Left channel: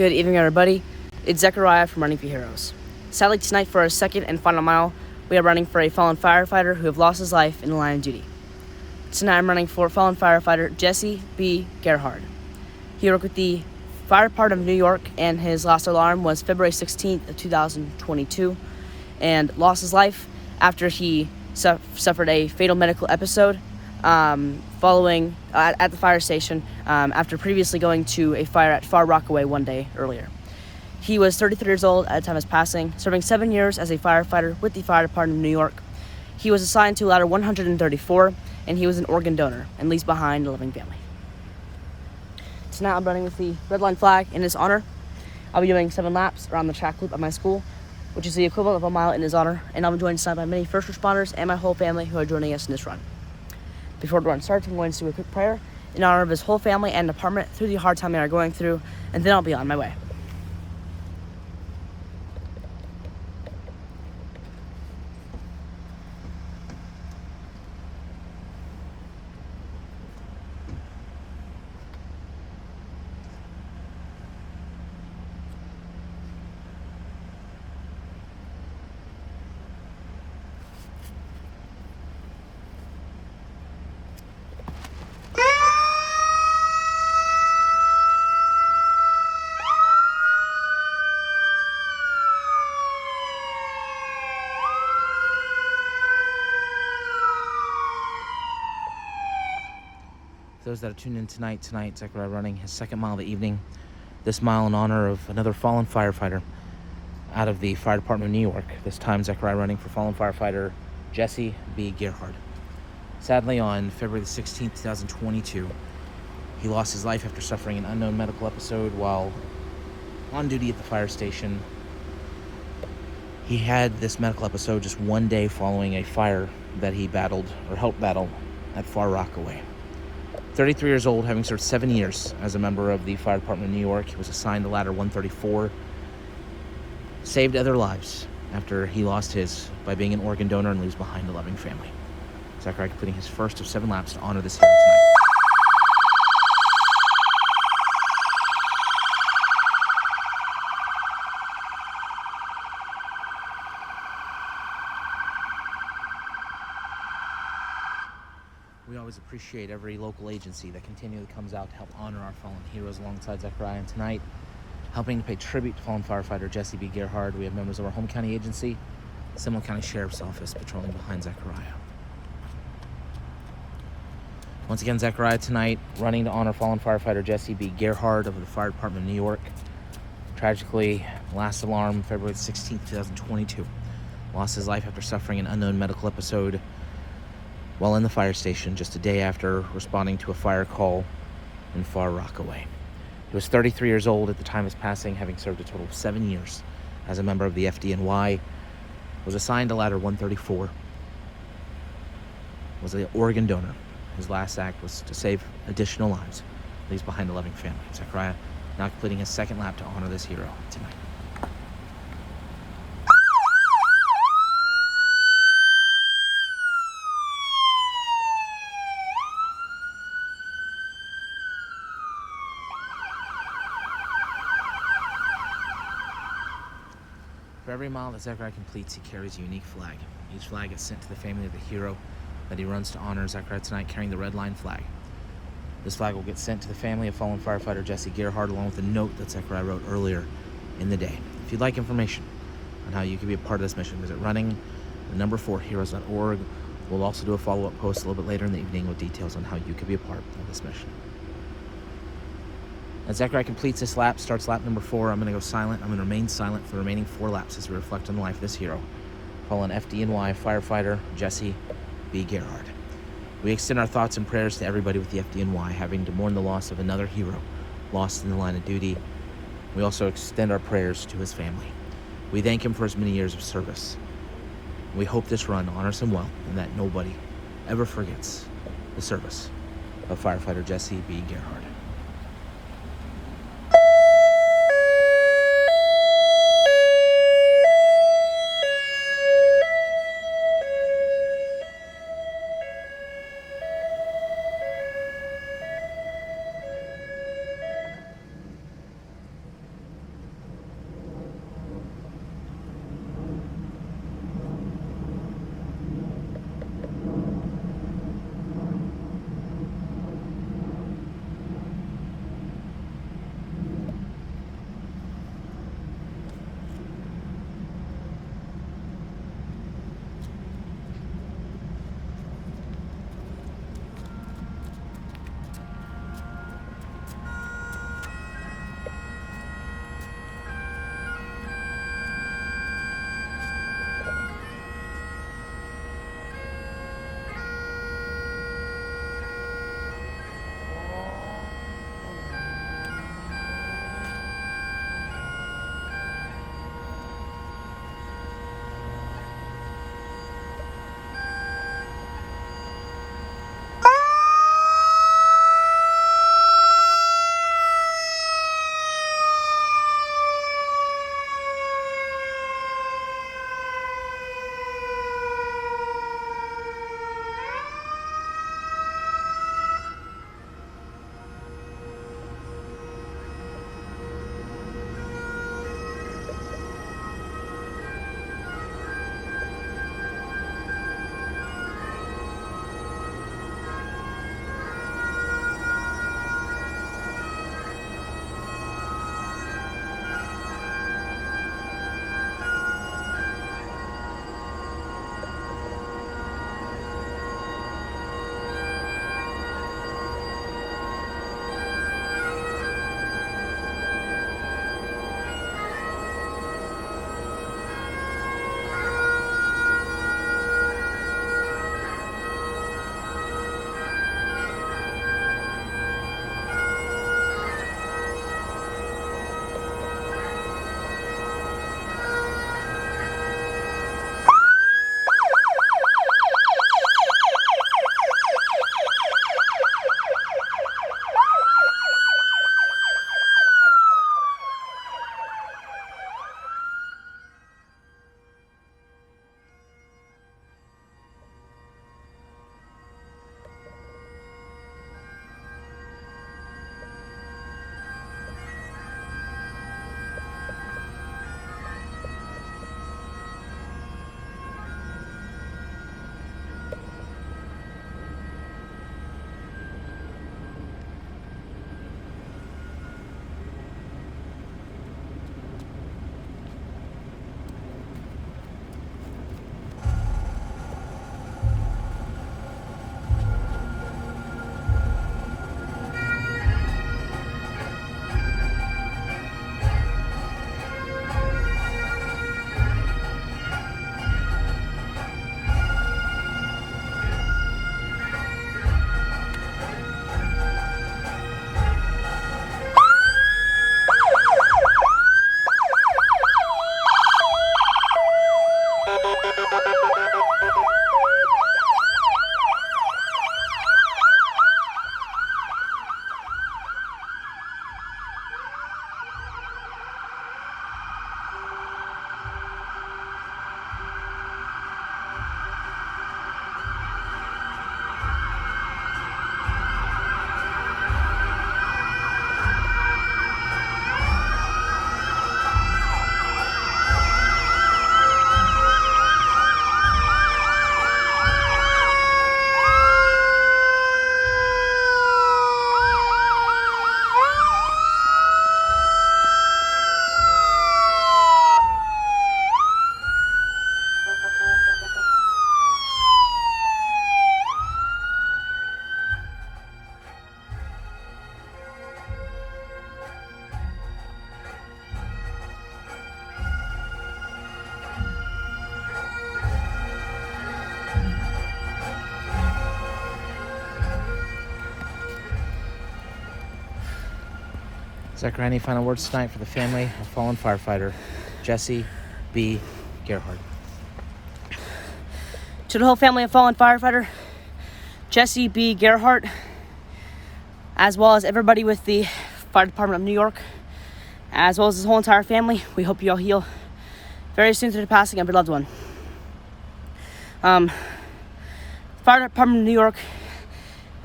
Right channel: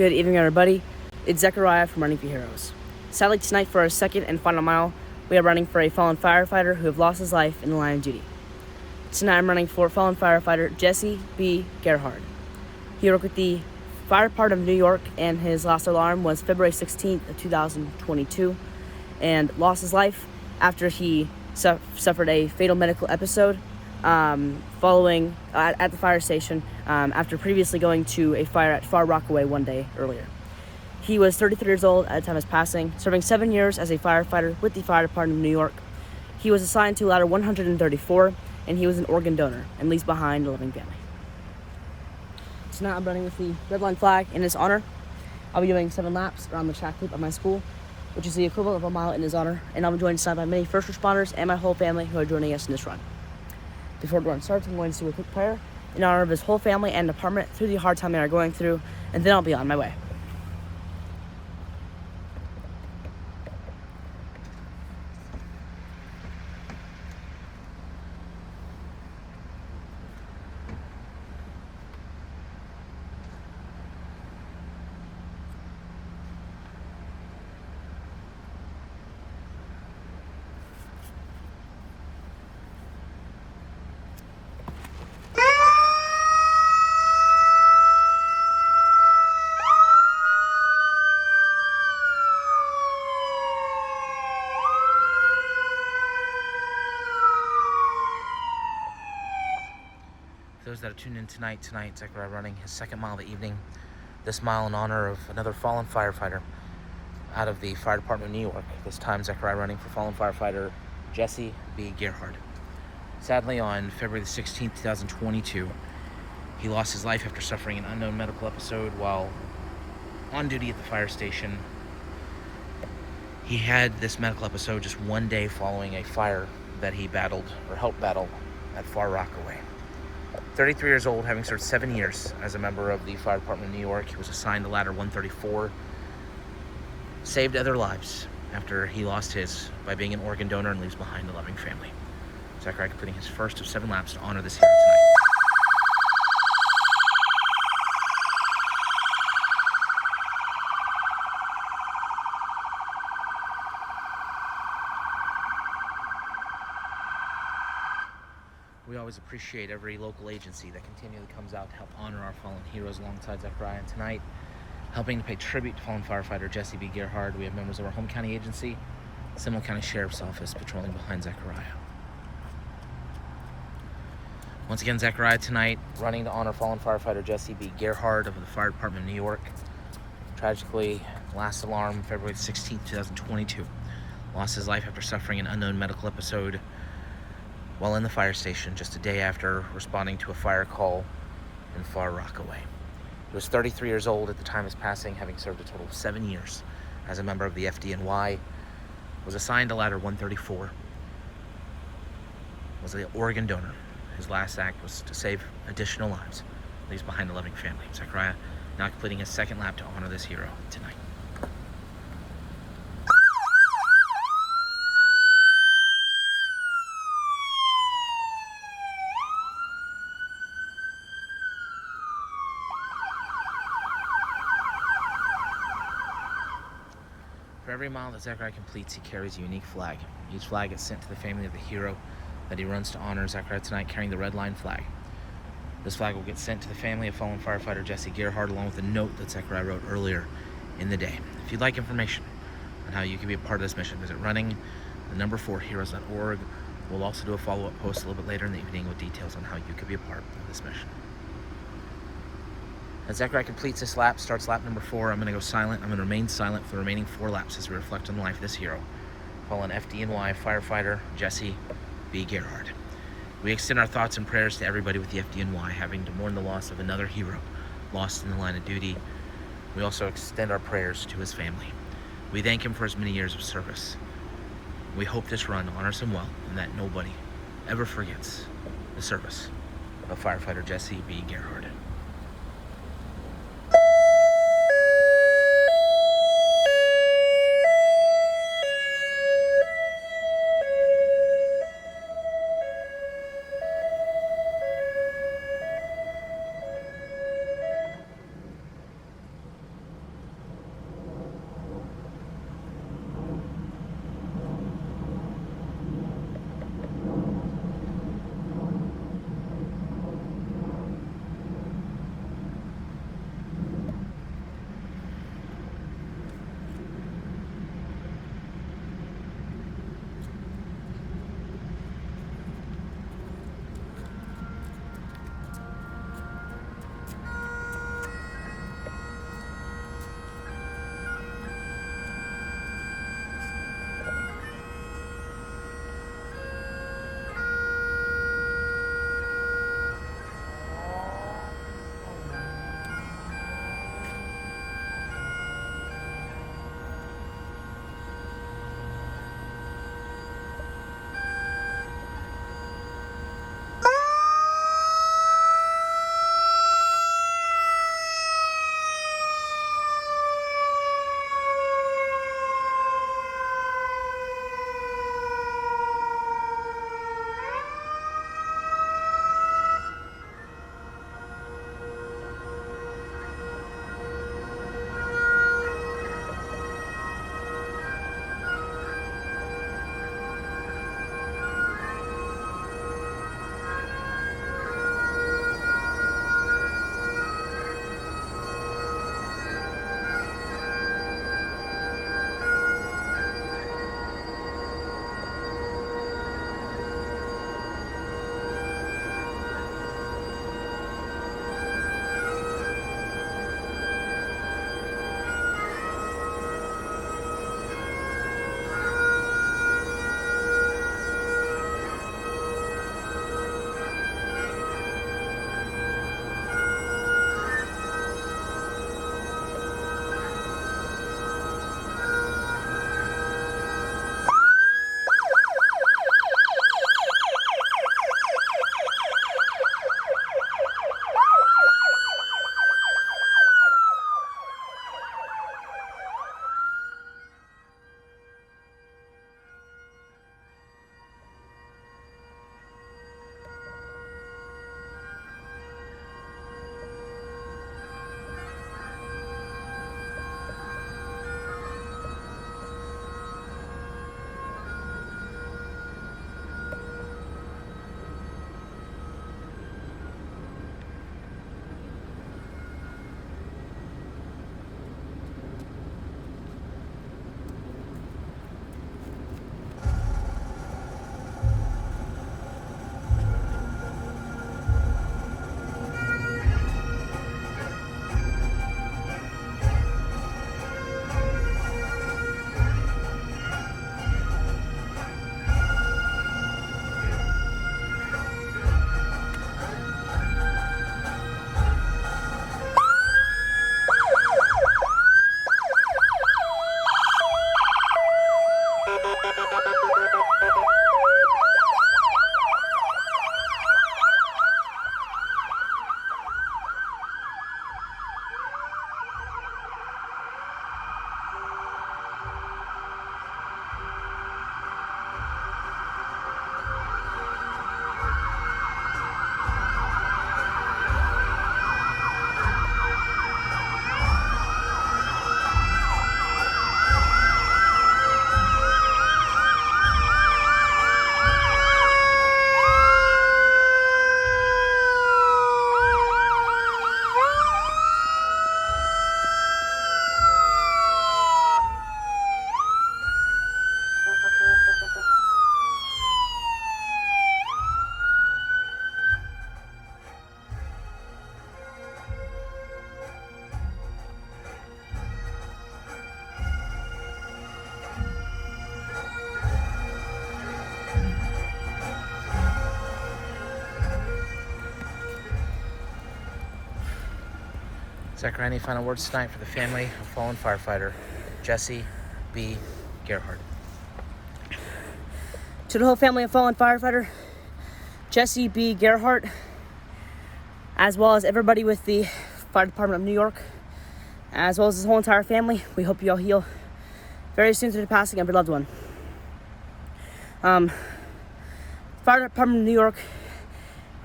Good evening, everybody. It's Zechariah from Running for Heroes. Sadly, tonight for our second and final mile, we are running for a fallen firefighter who have lost his life in the line of duty. Tonight I'm running for fallen firefighter Jesse B. Gerhard. He worked with the Fire Department of New York, and his last alarm was February 16th of 2022, and lost his life after he suffered a fatal medical episode following at the fire station after previously going to a fire at Far Rockaway one day earlier. He was 33 years old at the time of his passing, serving 7 years as a firefighter with the Fire Department of New York. He was assigned to ladder 134, and he was an organ donor and leaves behind a loving family. Tonight I'm running with the red line flag in his honor. I'll be doing 7 laps around the track loop at my school, which is the equivalent of a mile in his honor, and I'll be joined tonight by many first responders and my whole family who are joining us in this run. Before the run starts, I'm going to do a quick prayer in honor of his whole family and department through the hard time they are going through, and then I'll be on my way. For those that are tuned in tonight, Zechariah running his second mile of the evening. This mile in honor of another fallen firefighter out of the Fire Department of New York. This time Zechariah running for fallen firefighter Jesse B. Gerhard. Sadly, on February the 16th, 2022, he lost his life after suffering an unknown medical episode while on duty at the fire station. He had this medical episode just one day following a fire that he battled, or helped battle, at Far Rockaway. 33 years old, having served 7 years as a member of the Fire Department of New York, he was assigned to ladder 134, saved other lives after he lost his by being an organ donor and leaves behind a loving family. Zechariah completing his first of 7 laps to honor this hero tonight. We always appreciate every local agency that continually comes out to help honor our fallen heroes alongside Zechariah. And tonight, helping to pay tribute to fallen firefighter Jesse B. Gerhard, we have members of our home county agency, Seminole County Sheriff's Office, patrolling behind Zechariah. Once again, Zechariah tonight running to honor fallen firefighter Jesse B. Gerhard of the Fire Department of New York. Tragically, last alarm February 16th, 2022. Lost his life after suffering an unknown medical episode while in the fire station just a day after responding to a fire call in Far Rockaway. He was 33 years old at the time of his passing, having served a total of 7 years as a member of the FDNY. Was assigned to ladder 134. Was an organ donor. His last act was to save additional lives. Leaves behind a loving family. Zechariah now completing his second lap to honor this hero tonight. For every mile that Zechariah completes, he carries a unique flag. Each flag is sent to the family of the hero that he runs to honor. Zechariah tonight carrying the red line flag. This flag will get sent to the family of fallen firefighter Jesse Gerhard, along with a note that Zechariah wrote earlier in the day. If you'd like information on how you can be a part of this mission, visit running4heroes.org. We'll also do a follow-up post a little bit later in the evening with details on how you can be a part of this mission. As Zechariah completes this lap, starts lap number 4, I'm going to go silent. I'm going to remain silent for the remaining 4 laps as we reflect on the life of this hero, fallen FDNY firefighter Jesse B. Gerhard. We extend our thoughts and prayers to everybody with the FDNY having to mourn the loss of another hero lost in the line of duty. We also extend our prayers to his family. We thank him for his many years of service. We hope this run honors him well and that nobody ever forgets the service of firefighter Jesse B. Gerhard. Zachary, any final words tonight for the family of fallen firefighter Jesse B. Gerhard? To the whole family of fallen firefighter Jesse B. Gerhard, as well as everybody with the Fire Department of New York, as well as his whole entire family, we hope you all heal very soon through the passing of your loved one. Fire Department of New York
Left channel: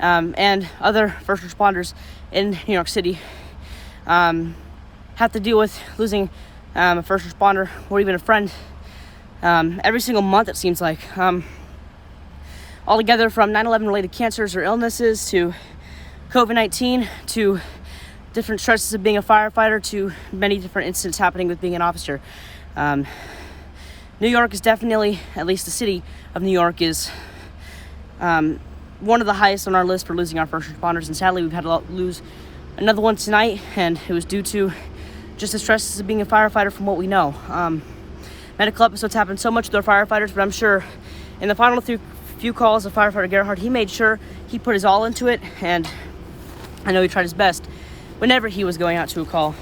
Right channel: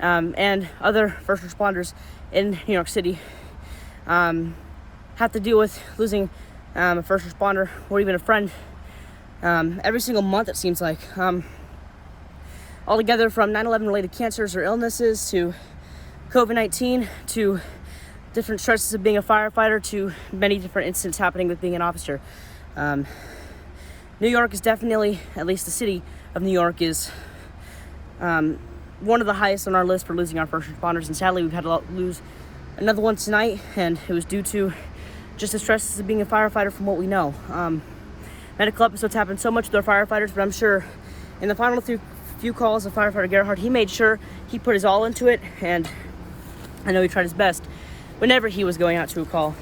and other first responders in New York City have to deal with losing a first responder or even a friend every single month, it seems like. Altogether, from 9/11 related cancers or illnesses to COVID-19 to different stresses of being a firefighter to many different incidents happening with being an officer. New York is definitely, at least the city of New York, is one of the highest on our list for losing our first responders, and sadly we've had to lose another one tonight, and it was due to just the stresses of being a firefighter from what we know. Medical episodes happen so much with our firefighters, but I'm sure in the final few calls of firefighter Gerhard, he made sure he put his all into it, and I know he tried his best whenever he was going out to a call.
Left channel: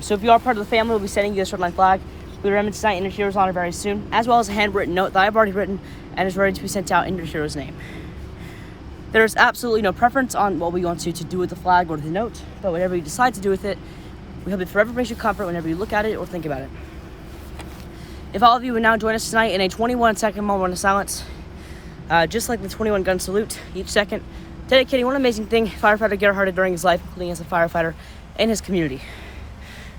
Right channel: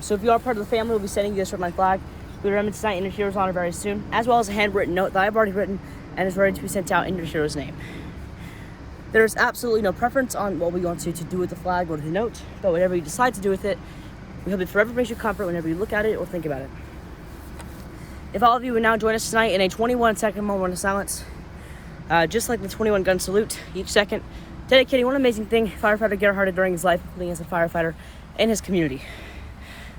So if you are part of the family, we'll be sending you this red line flag. We'll remember tonight in your hero's honor very soon, as well as a handwritten note that I've already written and is ready to be sent out in your hero's name. There's absolutely no preference on what we want you to do with the flag or the note, but whatever you decide to do with it, we hope it forever brings you comfort whenever you look at it or think about it. If all of you would now join us tonight in a 21-second moment of silence, just like the 21 gun salute, each second dedicating one amazing thing firefighter Gerhard did during his life, including as a firefighter in his community.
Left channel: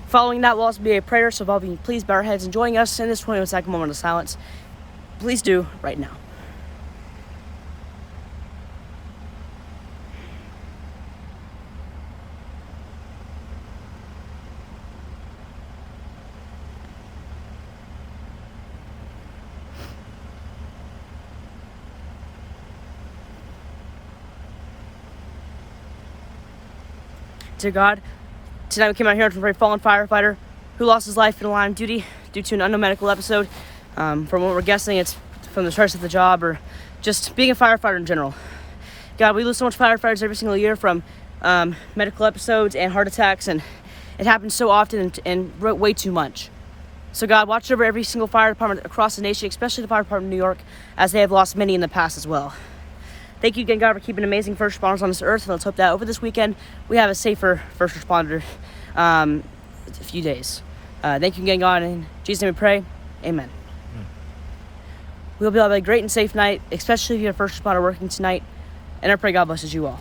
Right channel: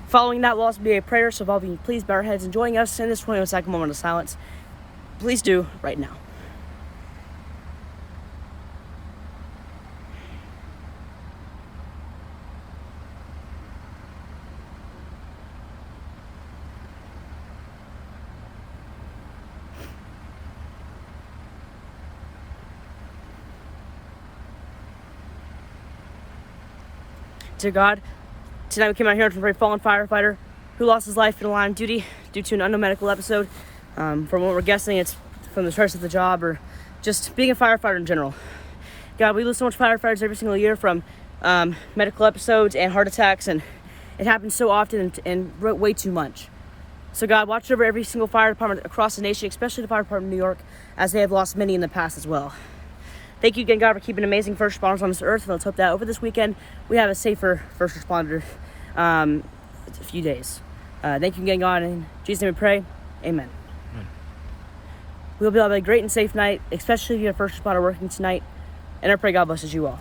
Following that will also be a prayer, so if all of you please bow our heads and join us in this 21-second moment of silence, please do right now. Dear God, tonight we came out here for a very fallen firefighter who lost his life in the line of duty due to an unknown medical episode. From what we're guessing, it's from the stress of the job or just being a firefighter in general. God, we lose so much firefighters every single year from medical episodes and heart attacks, and it happens so often and way too much. So God, watch over every single fire department across the nation, especially the Fire Department of New York, as they have lost many in the past as well. Thank you again, God, for keeping amazing first responders on this earth, and let's hope that over this weekend we have a safer first responder few days. Thank you again, God, in Jesus' name we pray, amen. We'll be able to have a great and safe night, especially if you're a first responder working tonight, and I pray God blesses you all.